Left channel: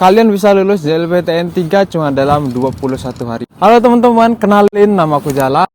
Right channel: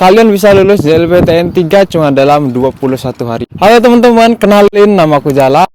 kalian bisa lulus JLPTN 3 cuma dalam 21 hari. Halo teman-teman, kenalin nama aku Jala.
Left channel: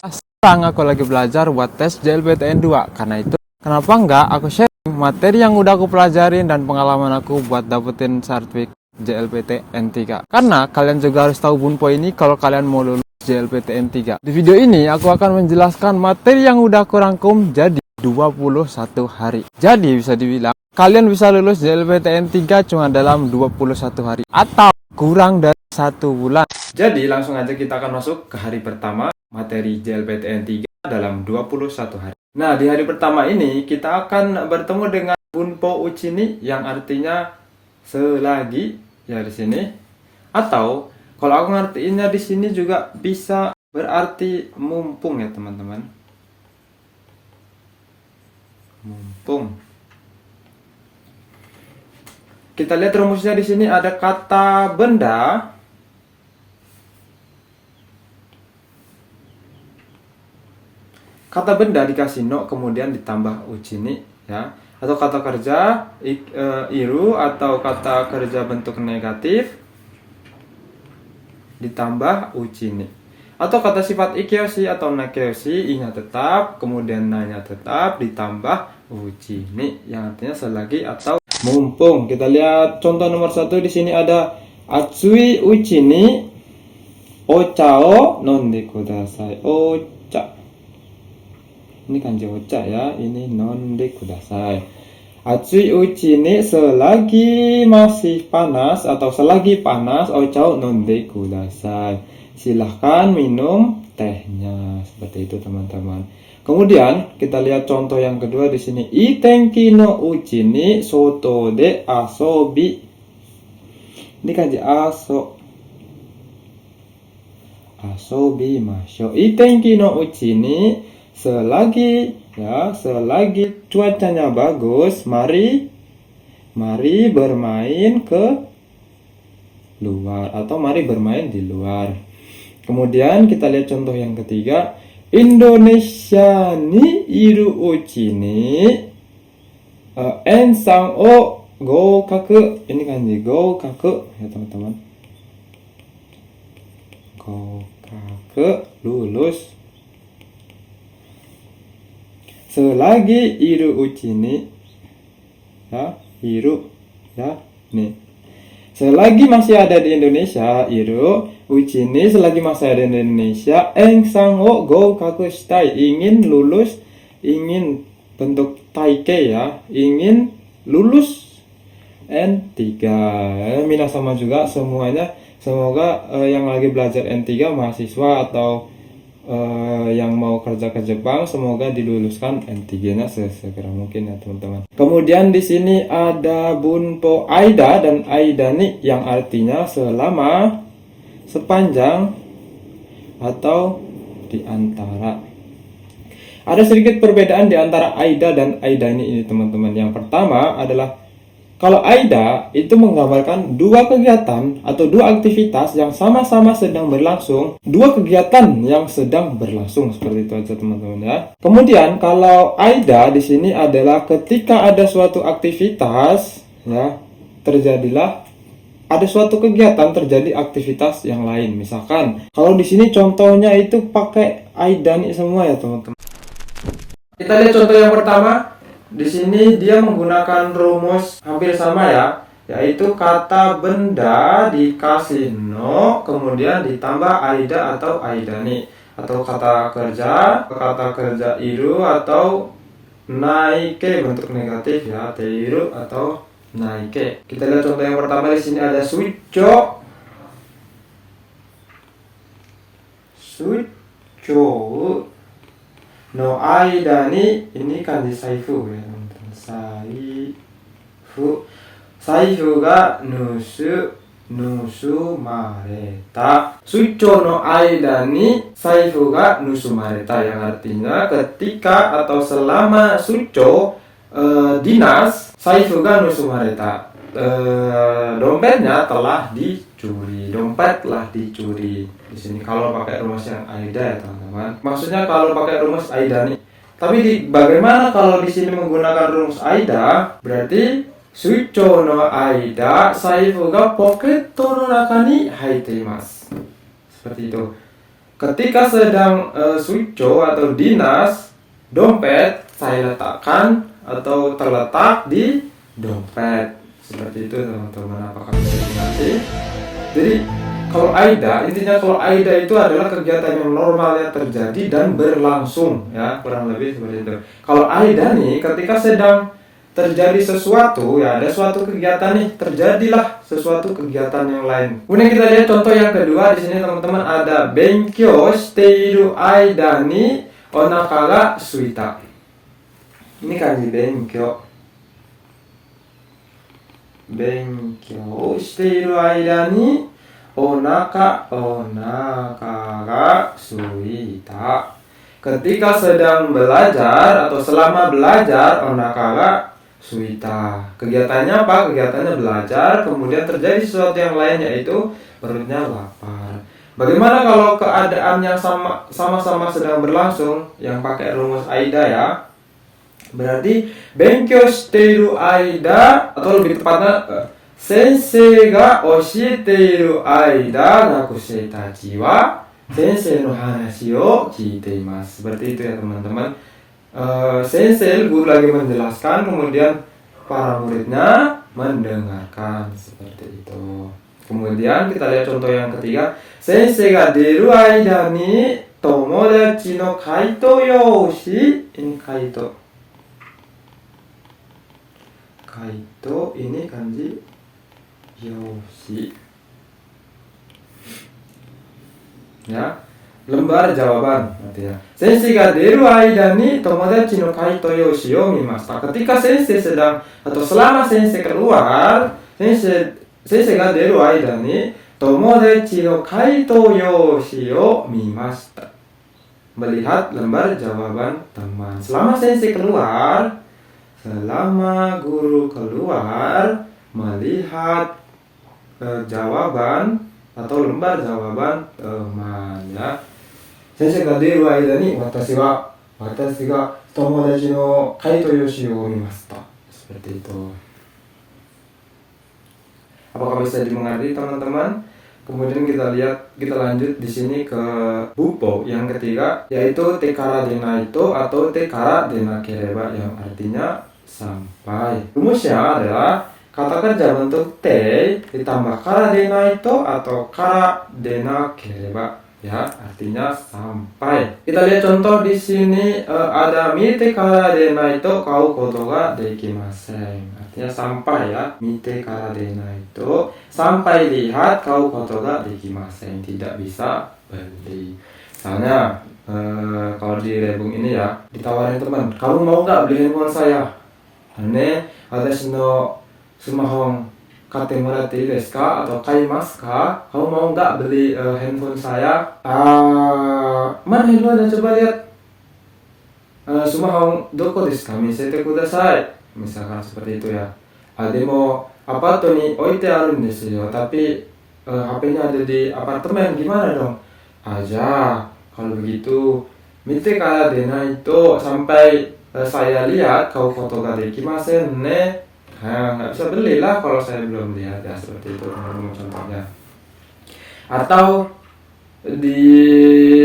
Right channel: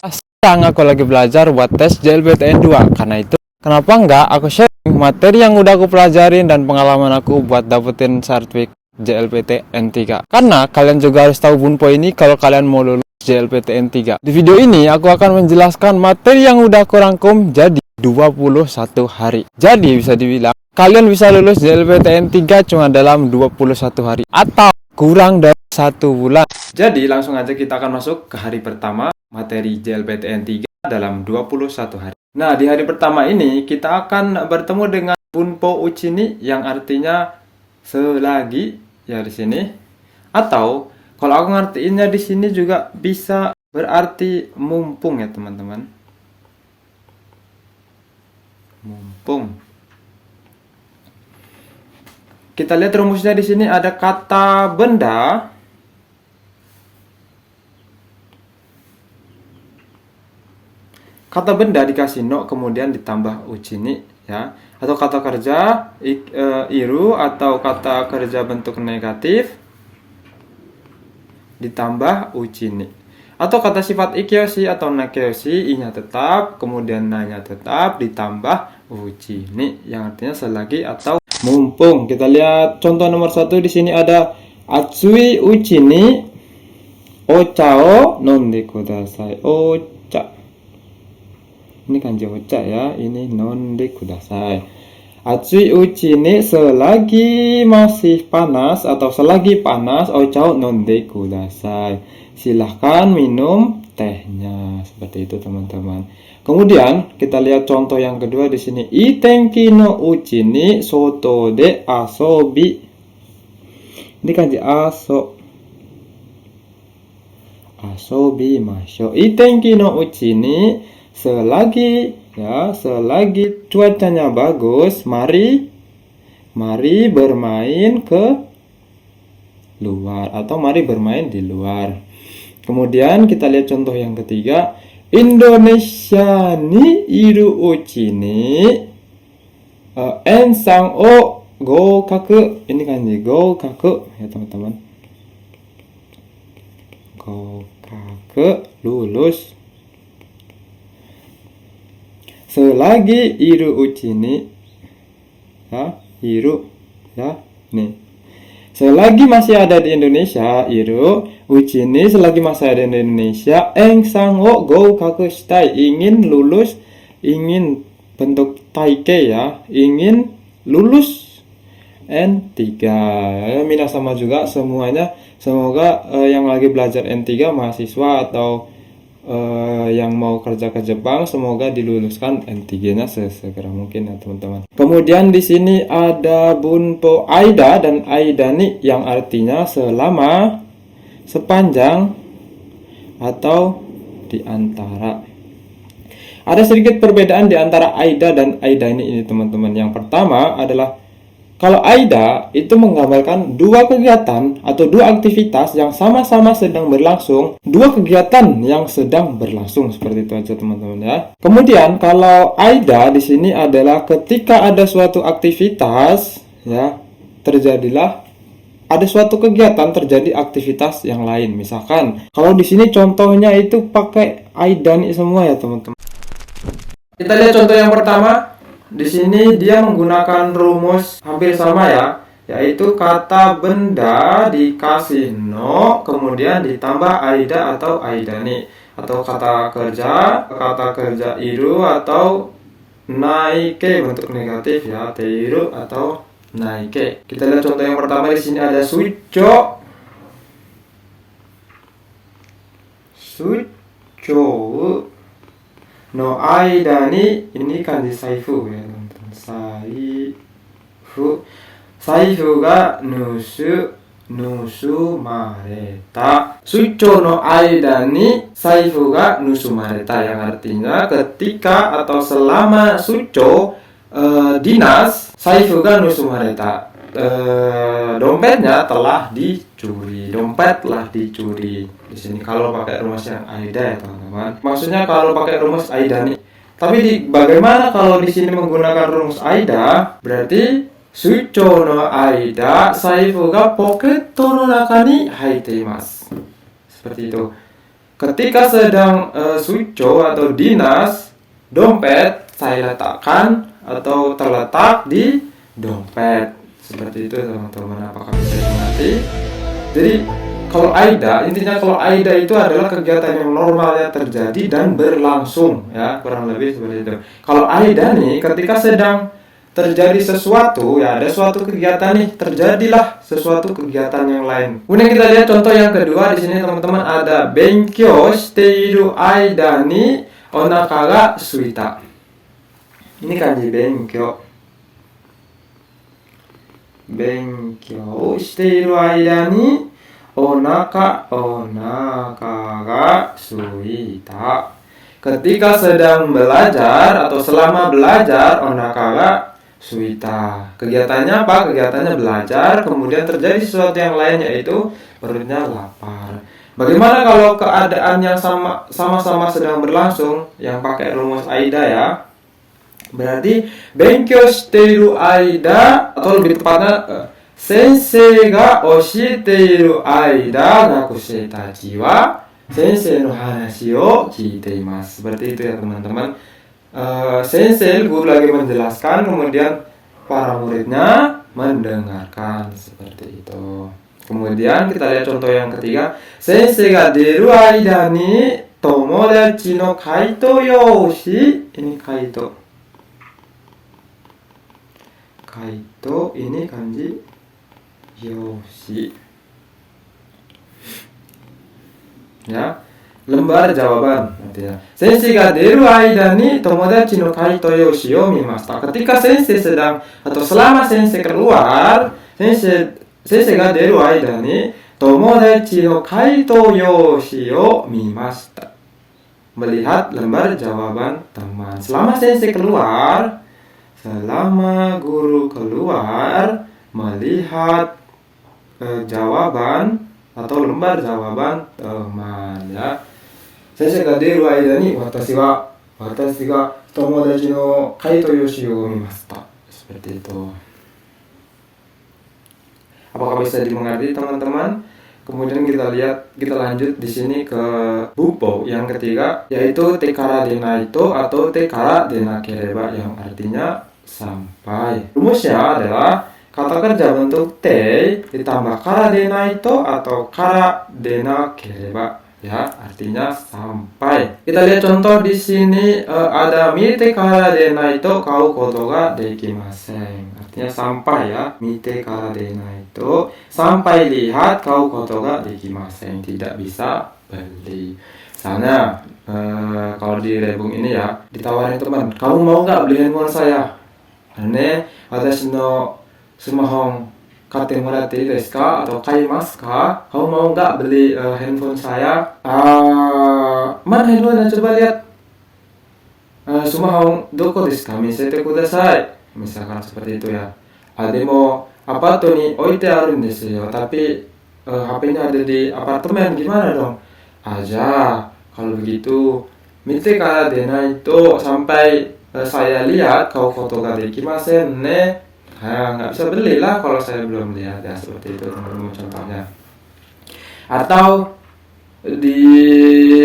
Sekarang aku lagi belajar buat tes JLPTN 2. Karena itu, kenapa enggak aku sharing materi yang udah aku pelajarin dan pengalaman aku buat dapetin sertifikat JLPTN 3. Karena kalian juga harus tahu Bunpo ini kalau kalian mau lulus JLPTN 3. Di video ini aku akan menjelaskan materi yang udah aku rangkum jadi 21 hari. Jadi bisa dibilang kalian bisa lulus JLPTN 3 cuma dalam 21 hari atau kurang dari 1 bulan. Jadi langsung aja kita akan masuk ke hari pertama materi JLPTN 3 dalam 21 hari. Nah, di hari pertama ini kita akan bertemu dengan Bunpo Uchini yang artinya selagi ya di sini, atau kalau aku ngertiinnya di sini juga bisa berarti mumpung ya teman-teman. Mumpung. Kita lihat rumusnya di sini ada kata benda. Kata benda dikasih no kemudian ditambah uchini ya. Atau kata kerja iru atau kata kerja bentuk negatif ditambah uchini. Atau kata sifat ikyoshi atau nakeyoshi, i-nya tetap, kemudian na-nya tetap ditambah uchini yang artinya selagi atau mumpung. Kita lihat contoh nomor 1 di sini ada atsui uchini ocha o nonde kudasai. Ocha. Ini kanji ocha ya, ini nonde kudasai. Atsui uchini selagi masih panas atau selagi panas ocha o nonde kudasai. Silahkan minum tehnya. Seperti itu teman-teman. Kemudian kita lihat contoh yang kedua di sini. Itenki no uchi ni soto de asobi. Ini kanji aso. Asobi masho. Itenki no uchi ni selagi cuacanya bagus, mari bermain ke luar atau mari bermain di luar. Kemudian kita lihat contoh yang ketiga. Indonesia ni iru uchi ni ensang o goukaku. Ini kanji goukaku ya teman-teman. Goukaku lulus. Selagi iru uchi ni ya, iru ya nih. Selagi masih ada di Indonesia, iru uchi ni selagi masih ada di Indonesia, ensang wo goukaku shitai, ingin lulus, ingin bentuk taike ya, ingin lulus N3. Mina sama juga semuanya. Semoga yang lagi belajar N3 mahasiswa atau yang mau kerja ke Jepang, semoga diluluskan N3-nya sesegera mungkin ya teman-teman. Kemudian di sini ada Bunpo Aida dan Aidani yang artinya selama, sepanjang, atau di antara. Ada sedikit perbedaan di antara Aida dan Aidani ini teman-teman. Yang pertama adalah kalau Aida itu menggambarkan dua kegiatan atau dua aktivitas yang sama-sama sedang berlangsung, dua kegiatan yang sedang berlangsung, seperti itu aja teman-teman ya. Kemudian kalau Aida di sini adalah ketika ada suatu aktivitas ya, terjadilah ada suatu kegiatan, terjadi aktivitas yang lain. Misalkan kalau di sini contohnya itu pakai Aidani semua ya teman-teman. Kita lihat contoh yang pertama. Di sini dia menggunakan rumus hampir sama ya, yaitu kata benda dikasih no, kemudian ditambah aida atau aidani, atau kata kerja iru atau naike bentuk negatif ya, teiru atau naike. Kita lihat contoh yang pertama. Di sini ada sucho no aidani, ini kanji saifu ya teman-teman. Saifu ga nusumareta. Sucho no aidani saifu ga nusumareta, yang artinya ketika atau selama sucho dinas, saifu ga nusumareta, dompetnya telah dicuri. Dompet telah dicuri. Di sini kalau pakai rumus yang aida ya teman-teman. Maksudnya kalau pakai rumus aida nih. Tapi bagaimana kalau di sini menggunakan rumus aida? Berarti suicho no aida saifu ga poketto no naka ni haite imasu. Seperti itu. Ketika sedang suicho atau dinas, dompet saya letakkan atau terletak di dompet. Seperti itu teman-teman, apakah bisa dimengerti? Jadi kalau aida, intinya kalau aida itu adalah kegiatan yang normal yang terjadi dan berlangsung, ya, kurang lebih seperti itu. Kalau aida nih, ketika sedang terjadi sesuatu, ya, ada suatu kegiatan nih, terjadilah sesuatu kegiatan yang lain. Kemudian kita lihat contoh yang kedua di sini teman-teman, ada benkyou shiteiru aida ni onaka ga suita. Ini kanji benkyou. Benkyou shiteiru aida ni onaka ga suita. Ketika sedang belajar atau selama belajar, onaka ga suita. Kegiatannya apa? Kegiatannya belajar, kemudian terjadi sesuatu yang lain, yaitu perutnya lapar. Bagaimana kalau keadaan yang sama-sama sedang berlangsung, yang pakai rumus aida ya? Berarti benkyou shiteiru aida, atau lebih tepatnya sensei ga oshiteiru aida gakusei tachi wa sensei no hanashi o kiite imasu. Seperti itu ya teman-teman. Sensei, guru lagi menjelaskan, kemudian para muridnya mendengarkan, seperti itu. Kemudian kita lihat contoh yang ketiga, sensei ga deru aida ni tomodachi no kaito yoshi. Ini kaito. Kaito ini kanji yoshi. Ya, lembar jawaban artinya. Sensei ga deru aida ni tomodachi no kaito yoshi o mimashita. Ketika sensei sedang atau selama sensei keluar, sensei ga deru aida ni tomodachi no kaito yoshi o mimashita. Melihat lembar jawaban teman. Selama sensei keluar, selama guru keluar, melihat jawaban atau lembar jawaban teman, ya. Sensei ga deru aida ni watashi ga tomodachi no kaito yoshi o mimashita. Seperti itu. Apakah bisa dimengerti teman-teman? Kemudian kita lanjut di sini ke bupo yang ketiga, yaitu tekara denaito atau tekara denakereba, yang artinya sampai. Rumusnya adalah kata kerja bentuk te ditambah kara denaito atau kara denakereba, ya, artinya sampai. Kita lihat contoh di sini, ada mite kara denaito kau koto ga dekimasen. Artinya sampai, ya. Mite kara denaito, sampai lihat, kau koto ga dekimasen, tidak bisa beli. Misalnya kalau di rebung ini ya, ditawarin teman, kamu mau nggak beli handphone saya? Watashi no smartphone katte moratte ii desu ka? Atau kaimasu ka? Kamu mau nggak beli handphone saya? Mana handphone? Coba lihat. Smartphone doko desu ka? Misete kudasai. Misalkan seperti itu ya. Demo apato ni oite aru desu yo. Tapi HP-nya ada di apartemen, gimana dong? Aja, kalau begitu mite kara denaito, sampai saya lihat, kau foto ga dekimasen ne. Nggak bisa belilah kalau saya belum lihat, ya, seperti itu teman-teman contohnya. Atau di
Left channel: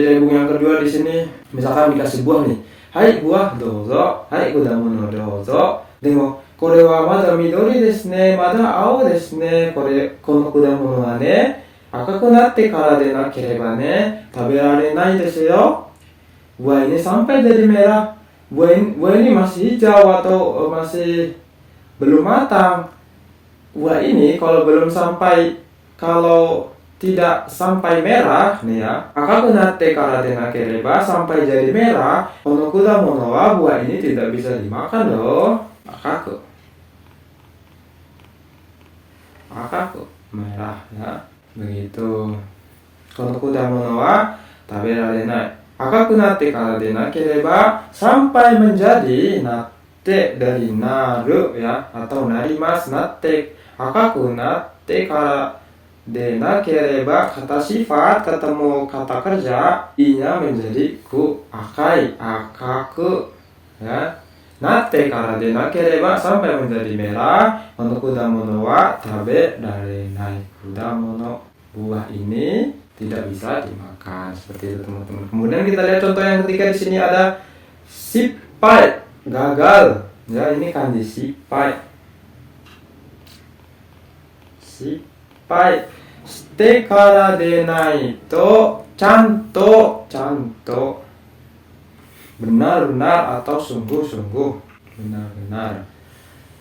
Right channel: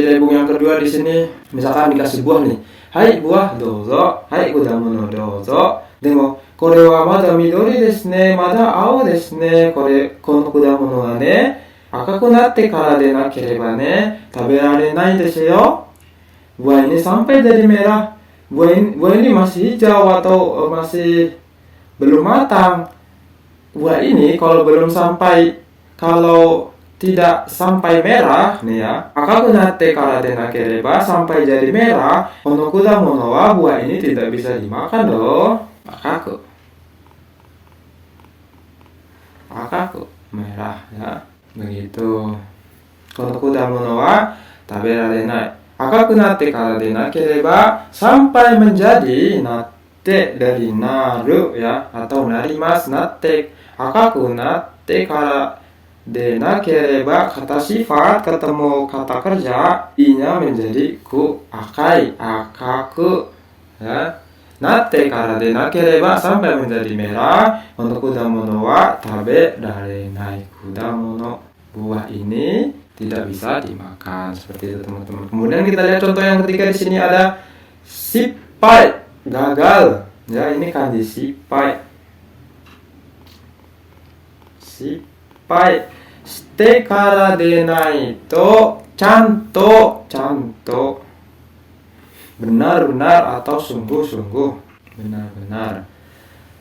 rebung yang kedua di sini, misalkan dikasih buah nih, hai buah dozo, hai kudamu no dozo, demo kore wa mada midori desu ne, mada ao desu ne, kono kudamono wa ne, akaku natte kara de nakereba ne, taberarenai desu yo. Buah ini sampai jadi merah, buah ini masih hijau atau masih belum matang. Buah ini kalau belum sampai, kalau tidak sampai merah nih ya, akaku natte kara de nakereba, sampai jadi merah, kono kudamono wa, buah ini tidak bisa dimakan loh. Akaku merah, ya, begitu. Kono kudamono wa taberarenai. Akaku natte kara de nakereba, sampai menjadi, natte dari naru, ya, atau narimas, natte. Akaku natte kara de nakereba, kata sifat ketemu kata kerja, i-nya menjadi ku, akai, akaku, ya. natte kara de nakereba sampai menjadi merah. Untuk kudamono wa tabe darenai. Kudamono, buah ini tidak bisa dimakan, seperti itu teman-teman. Kemudian kita lihat contoh yang ketiga. Di sini ada sipai, gagal. Ya, ini kanji sipai. Sipai. Shite kara denai to chanto, chanto. Benar-benar atau sungguh-sungguh, benar-benar.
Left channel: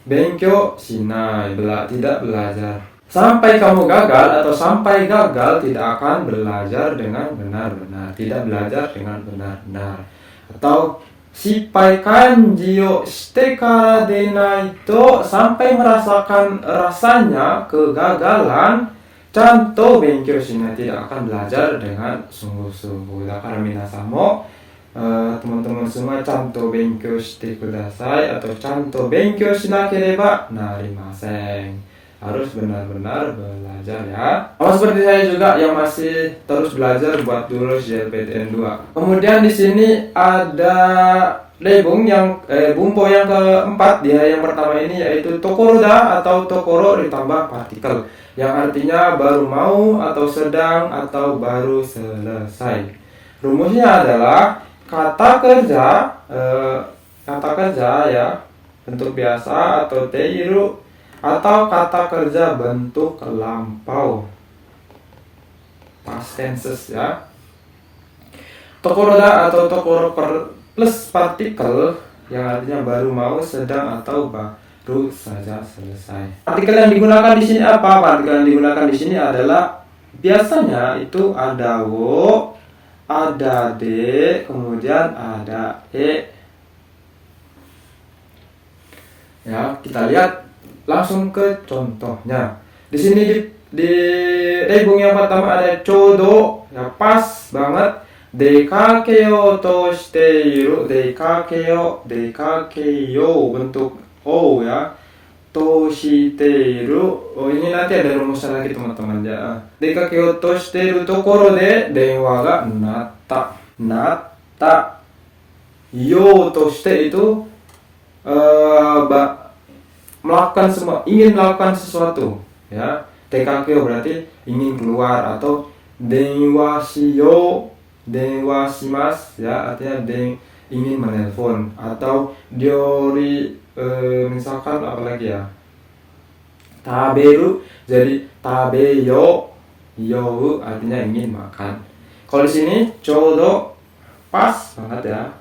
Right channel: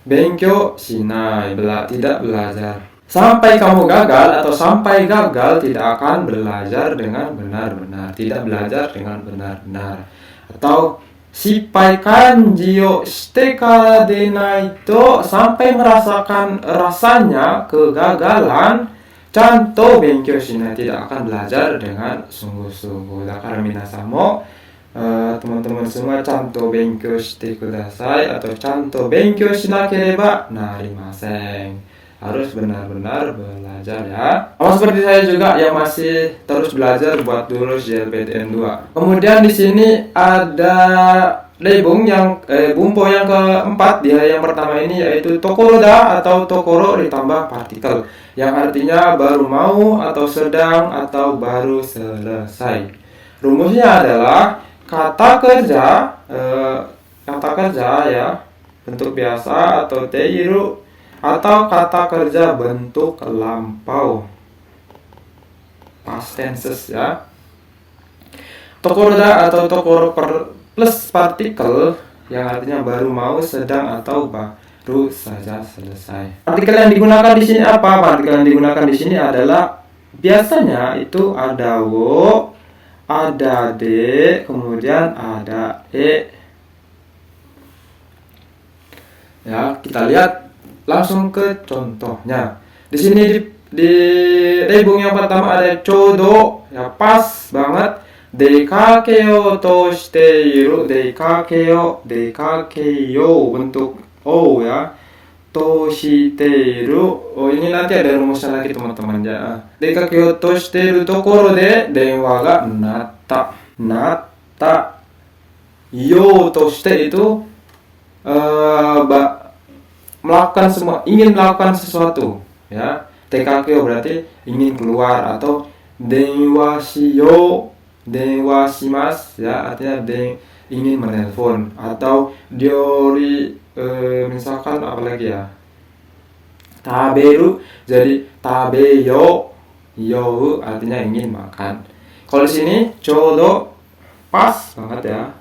Benkyo shinai, tidak belajar. Sampai kamu gagal atau sampai gagal tidak akan belajar dengan benar-benar, tidak belajar dengan benar-benar. Atau shippai kanji o shite kara denai to, sampai merasakan rasanya kegagalan, chanto benkyo shinai, tidak akan belajar dengan sungguh-sungguh. Karena minasan mo, teman-teman semua, chanto benkyo shite kudasai atau chanto benkyo shinakereba narimasen, harus benar-benar belajar ya. Sama seperti saya juga yang masih terus belajar buat lulus JLPTN 2. Kemudian di sini ada lebung yang bumpo yang keempat di yang pertama ini, yaitu tokoroda atau tokoro ditambah partikel, yang artinya baru mau atau sedang atau baru selesai. Rumusnya adalah kata kerja ya bentuk biasa atau teiru, atau kata kerja bentuk lampau past tenses ya. Tokoroda atau tokoro plus partikel, yang artinya baru mau, sedang atau baru saja selesai. Partikel yang digunakan di sini apa? Partikel yang digunakan di sini adalah biasanya itu ada wo, ada de, kemudian ada e. Ya, kita lihat langsung ke contohnya. Di sini di lebung yang pertama ada chodo, ya pas banget. Dekakeo to shiteiru, dekakeo bentuk o ya. To shiteiru, oh ini nanti ada rumusnya lagi teman-teman ya. Dekakeo to shiteiru tokoro de denwa ga natta. Yo to shite itu melakukan semua, ingin melakukan sesuatu ya. Tekakeo berarti ingin keluar, atau denwa shimas ya, artinya ingin menelpon, atau diori misalkan apa lagi ya, taberu jadi tabeyo, you artinya ingin makan. Kalau di sini chodo pas banget ya,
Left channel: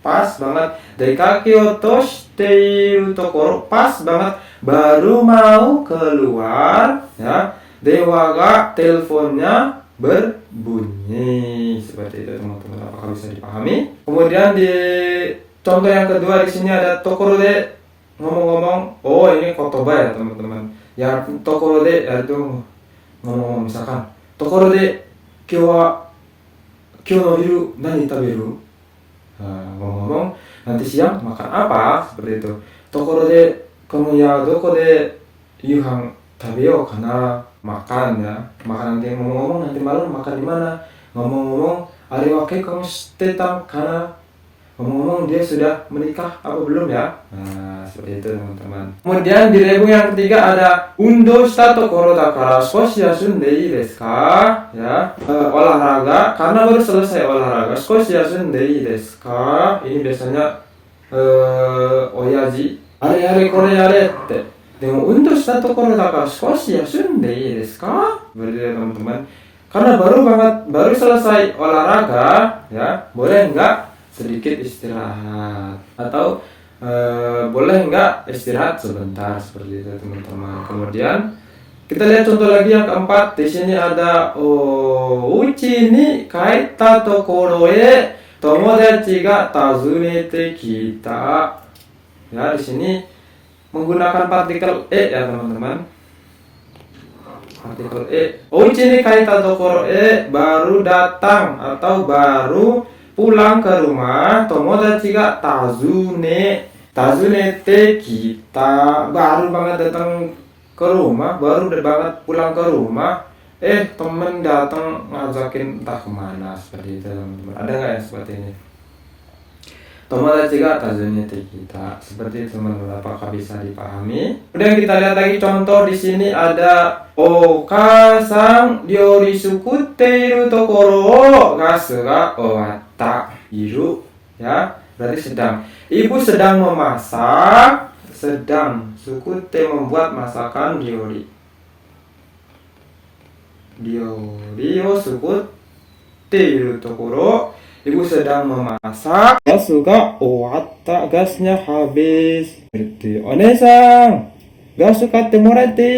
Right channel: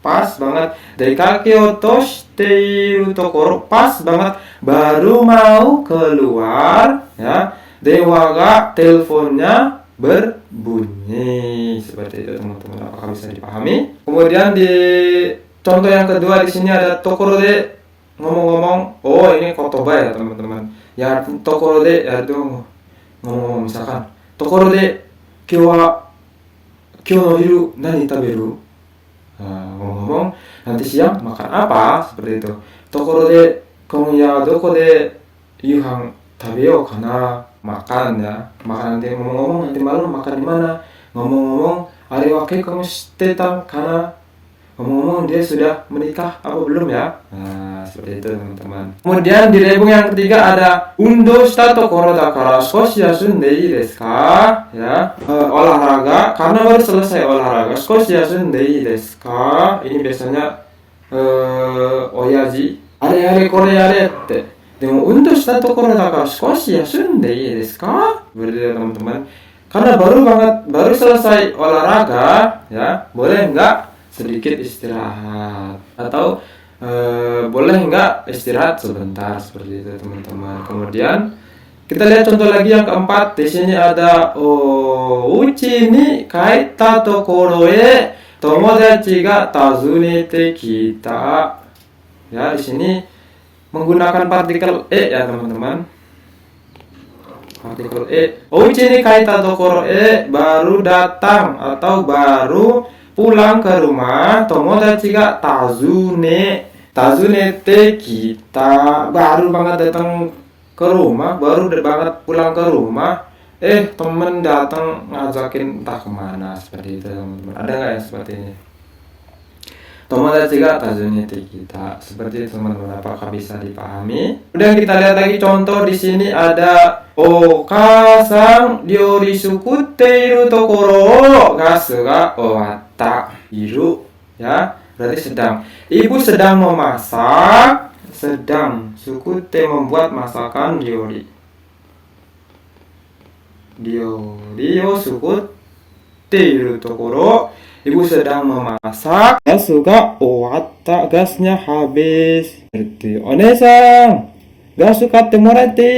pas banget. Dekakeo to shiteiru tokoro, pas banget, baru mau keluar ya. Dewa ga, teleponnya berbunyi, seperti itu teman-teman. Apakah bisa dipahami? Kemudian di contoh yang kedua di sini ada tokoro de, ngomong-ngomong. Oh, ini kotoba ya teman-teman. Ya, tokoro de ya itu ngomong, misalkan tokoro de kyou no hiru nani taberu. Ngomong-ngomong, nanti siang makan apa, seperti itu. Tokoro de konya doko de yuhan tabeo kana, makan ya, makan. Nanti ngomong-ngomong, nanti malam makan di mana. Ngomong-ngomong, are wa keikon shite ta kana, ngomong-ngomong dia sudah menikah apa belum ya. Nah, seperti itu teman-teman. Kemudian di lebung yang ketiga ada undo shita tokoro dakara skoshi yasunde ii desu ka, ya. Olahraga, karena baru selesai olahraga, skoshi yasunde ii desu ka. Ini biasanya oyaji are kore yare tte, demo undo shita tokoro dakara skoshi yasunde ii desu ka, berarti teman-teman, karena baru selesai olahraga ya, boleh enggak sedikit istirahat, atau boleh enggak istirahat sebentar, seperti itu teman-teman. Kemudian kita lihat contoh lagi yang keempat. Di sini ada uchi ni kaita tokoro e tomodachi ga tazunete kita. Ya, di sini menggunakan partikel e ya teman-teman. Partikel e. Uchi ni kaita tokoro e, baru datang atau baru pulang ke rumah. Tomodachi ga tazunete kita, baru banget datang ke rumah, baru banget pulang ke rumah. Temen datang ngajakin entah kemana, seperti itu teman-teman. Ada nggak yang seperti ini? tomodachi ga tajunete kita. Seperti itu teman-teman, apakah bisa dipahami? Kemudian kita lihat lagi contoh di sini ada okasan ryori sukutte iru tokoro o gasu ga owatta iru, ya. Berarti sedang. Ibu sedang memasak, sedang. Sukutte membuat masakan ryori. Ryori o sukutte iru tokoro, ibu sedang memasak. Gasu ga owatta, gasnya habis. Seperti onesan, gasu katte moratte.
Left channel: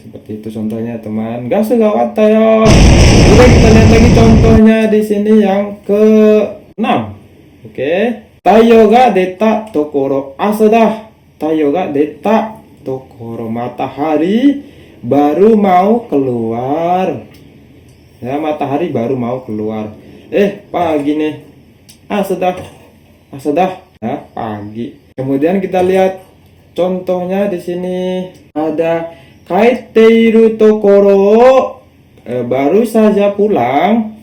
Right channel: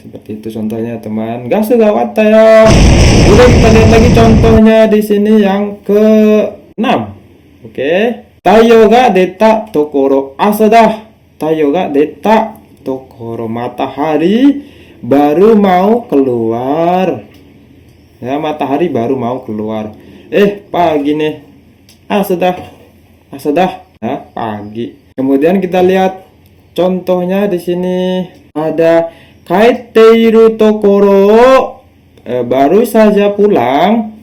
Seperti itu contohnya teman. Gasu ga owatta ya. Kemudian kita lihat lagi contohnya di sini yang ke-6. Oke. Taiyo ga deta tokoro asa da. Taiyo ga deta tokoro, matahari baru mau keluar. Ya, matahari baru mau keluar. Pagi nih. Asa dah. Ya, pagi. Kemudian kita lihat contohnya di sini ada kaiteiru tokoro, baru saja pulang.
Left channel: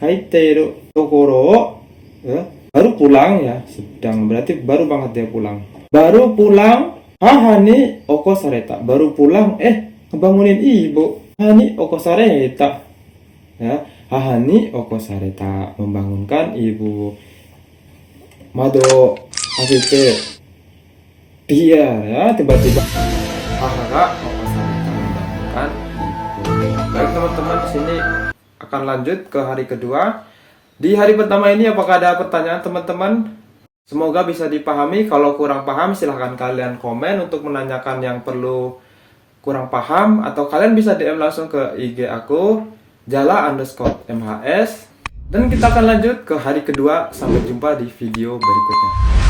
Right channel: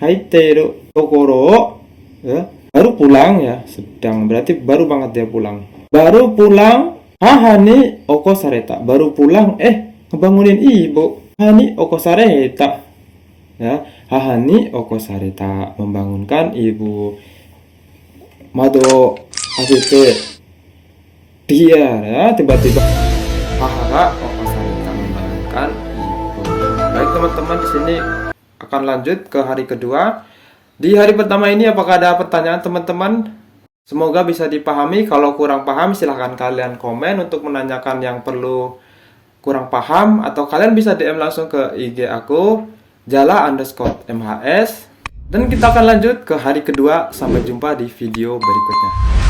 Kaiteiru tokoro, ya, baru pulang ya, sedang, berarti baru banget dia pulang. Baru pulang, hahani oko sareta. Baru pulang, ngebangunin ibu. Hahani oko sareta. Ya, hahani oko sareta, membangunkan ibu. Mado itu dia, ya, tiba-tiba haha membangunkan ibu. Baik teman-teman, di sini akan lanjut ke hari kedua. Di hari pertama ini apakah ada pertanyaan teman-teman? Semoga bisa dipahami. Kalau kurang paham silahkan kalian komen untuk menanyakan yang perlu kurang paham. Atau kalian bisa DM langsung ke IG aku Jala_MHS. Dan kita akan lanjut ke hari kedua. Sampai jumpa di video berikutnya.